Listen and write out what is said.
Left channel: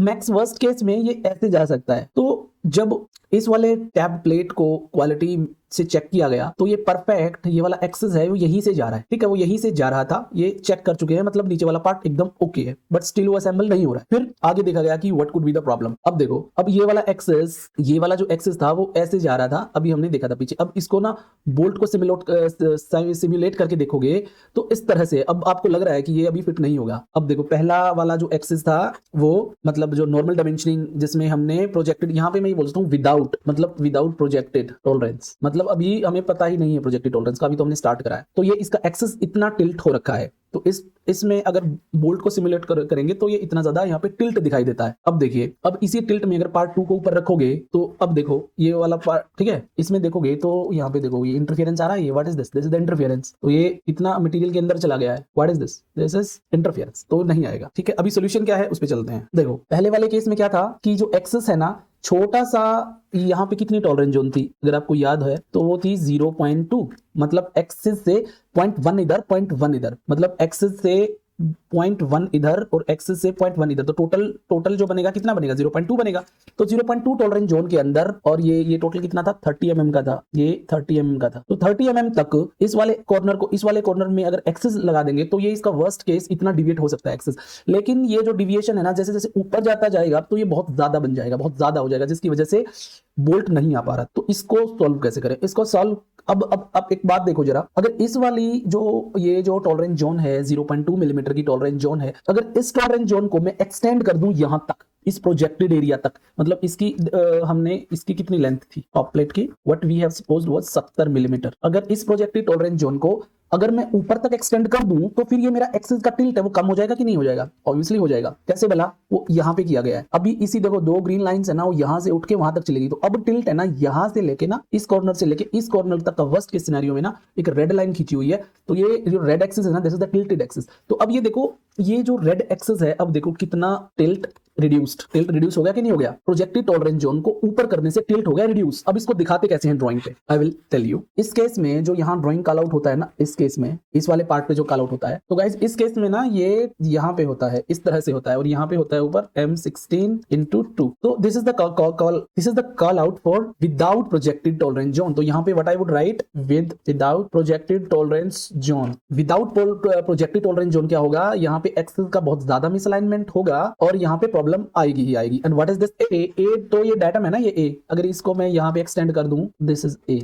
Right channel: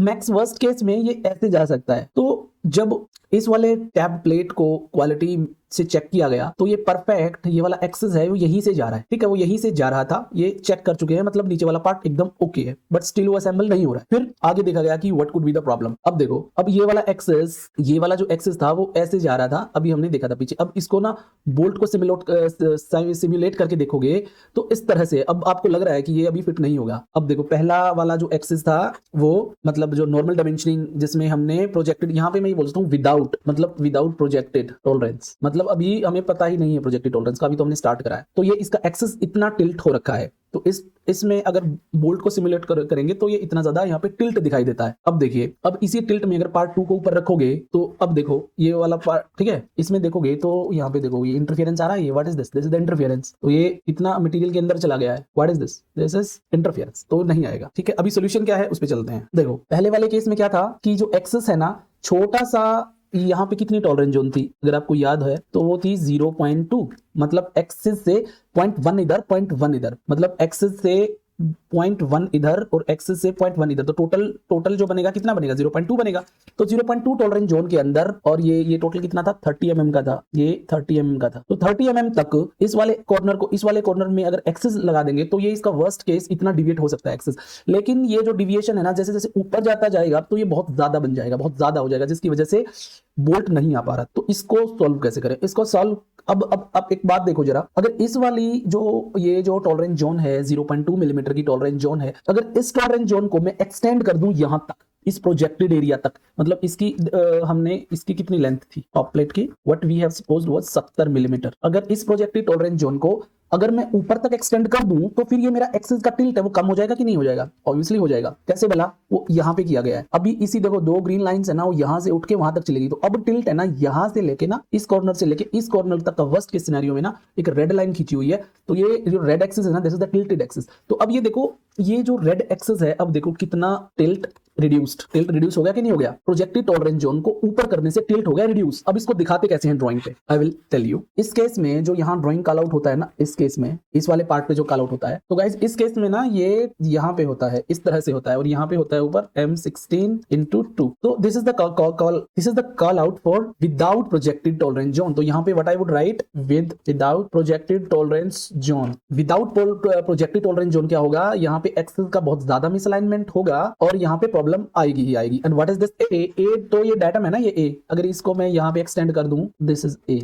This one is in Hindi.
मैक्स वर्स्ट केस में ये ऐसे जा सकता है। तो जब इस वाले टैब प्लेट को क्वालिटी से चेक किया गया तो ये परफेक्ट, ये वाला एक्सेस है वो यहीं से जा रहा है, ठीक है, वो यहीं से जा रहा था, ये चेक कर चुके हैं, मतलब नीचे वाला पार्ट एकदम ओके है, बट स्टिल वो असेंबल नहीं हो रहा। फिर आगे देखा गया कि what could be the problem. अब ये वाला एक्सेस, ये वाला जो एक्सेस था वो ऐसे जा रहा था, अभी हमने देखा था पीछे। अब इसको ना बोल्ट को सिमुलेट करके देखोगे तो इस तरह से अब आपको लग रहा है कि ये अभी फिट नहीं होगा। अब देखो पहला वाला जो एक्सेस था वो मतलब जो नॉर्मल डायमेंशनिंग जिसमें हमने प्रोजेक्टेड, यहाँ पे मैं बोलता हूँ विदाउट, मतलब विदाउट प्रोजेक्टेड टॉलरेंस, मतलब अभी हमें पता ही नहीं है प्रोजेक्टेड टॉलरेंस का, अभी तो हमने स्टार्ट करा है। तो ये इसका एक्सेस इतना टिल्ट हो रखा है, तो इसमें अगर बोल्ट को सिमुलेट करेंगे तो ये इतना ज्यादा यहाँ पे टिल्ट दिखाई देता है। अब देखिए, अब इसी टिल्ट में अगर पार्ट 2 को ऊपर रखोगे तो अब देखो ये वाला पार्ट, ठीक है, इसमें देखोगे तो यहाँ पे देखो ये इंटरफेरेंस आ रहा है, ये what is this, this is the interference. तो ये इतना मटेरियल के अंदर चला गया है, what is this, this is interference, तो नहीं आएगा। ठीक है, अभी सोल्यूशन क्या है उस पे चलते हैं। देखो पहले वाले केस में क्या था कि जो एक्सेस है ना, छोटा सा, यहाँ पे कितनी टॉलरेंस जोन थी अगर आपको याद है तो वो थी 0.2, मतलब एक्सेस से 0.1 इधर 0.1 इधर, मतलब एक्सेस से 0.1 इधर और एक्सेस से 0.1 इधर, तो टोटल जो बनेगा कितना बनेगा, 0.2 बनेगा। तो 0.2 टॉलरेंस जोन के अंदर, और ये टोटल कितना था, 30 mm का था, ये 30 mm का था। तो 30 mm तक इस वाले कॉर्नर में अगर एक्सेस लगा देंगे तो ये इसका वर्स्ट केस इतना डिविएट हो सकता है एक्सेस। लेकिन ये जो डिविएशन है ना, जैसे जैसे ऊपर जाता जाएगा तो ये बहुत ज्यादा बन जाएगा, बहुत ज्यादा हो जाएगा, जिसकी वजह से बोल्ट नहीं आ पा रहा। तो इसको सॉल्व कैसे करें, इसको सॉल्व, अब एक बात देखो जरा, अगर इस वाली ये जो टॉलरेंस जोन है 0.2 मिलीमीटर की टॉलरेंस जोन है, अगर इस टॉलरेंस जोन को मैं एक्सटेंड कर दूं यहां तक, इस प्रोजेक्टेड एरिया तक, मतलब इसकी हमने इसकी कितनी लेंथ थी टॉप प्लेट की, what we have supposed was 70 millimetre. अगर इस प्रोजेक्टेड टॉलरेंस जोन को अगर मैं ऊपर तक एक्सटेंड कर दूं तो फिर ये मेरा एक्सेस का टिल्ट है वो कम हो जाएगा कि नहीं हो जाएगा, ऑब्वियसली हो जाएगा। कैसे भला, वो यहाँ पे किया गया है। अभी इसी देखो 2 ग्रीन लाइंस है ना, वो यहाँ से उठ के वहां तक चलेगी, तो अब टिल्ट है ना, यहाँ से लेके ना इस कॉर्नर से लेके इस कॉर्नर तक का वर्स्ट केस सिनेरियो में ना एक रेड लाइन खींची हुई है, तो ये जो रेड एक्सिस है ना, this is the tilted axis. तो अब ये देखो, ये जो रेड एक्सिस है, अब देखो कितना टिल्ट रिड्यूस हो गया कि नहीं हो गया, प्रोजेक्टेड टॉलरेंस जोन को ऊपर करने से टिल्ट हो गया रिड्यूस। अब इसको दिखाते कैसे हैं ड्राइंग पे, आई विल टेल यू। इस केस में जो यहाँ ड्राइंग कॉल आउट होता है ना, इस केस में इस वाले पार्ट पे जो कॉल आउट होता है, तो गाइस इस केस में ना ये यहाँ पे होता है, इस तरह से होता है, और यहाँ पे होता है ऊपर M16/2। तो this is the call out for without projected tolerance zone. तो यहाँ पे what I would write, without projected tolerance zone. Without projected tolerance zone क्या होगा, यहाँ पे एक्सेस का बहुत ज्यादा मिसअलाइनमेंट होगा और यहाँ पे प्रॉब्लम आएगी ही आएगी। एंड व्हाट इज दिस, ए, तो ये डायटम है ना, ये ए, अगर इसको मैं यहाँ पे एक्सटेंड कर दूं, दिस इज ए,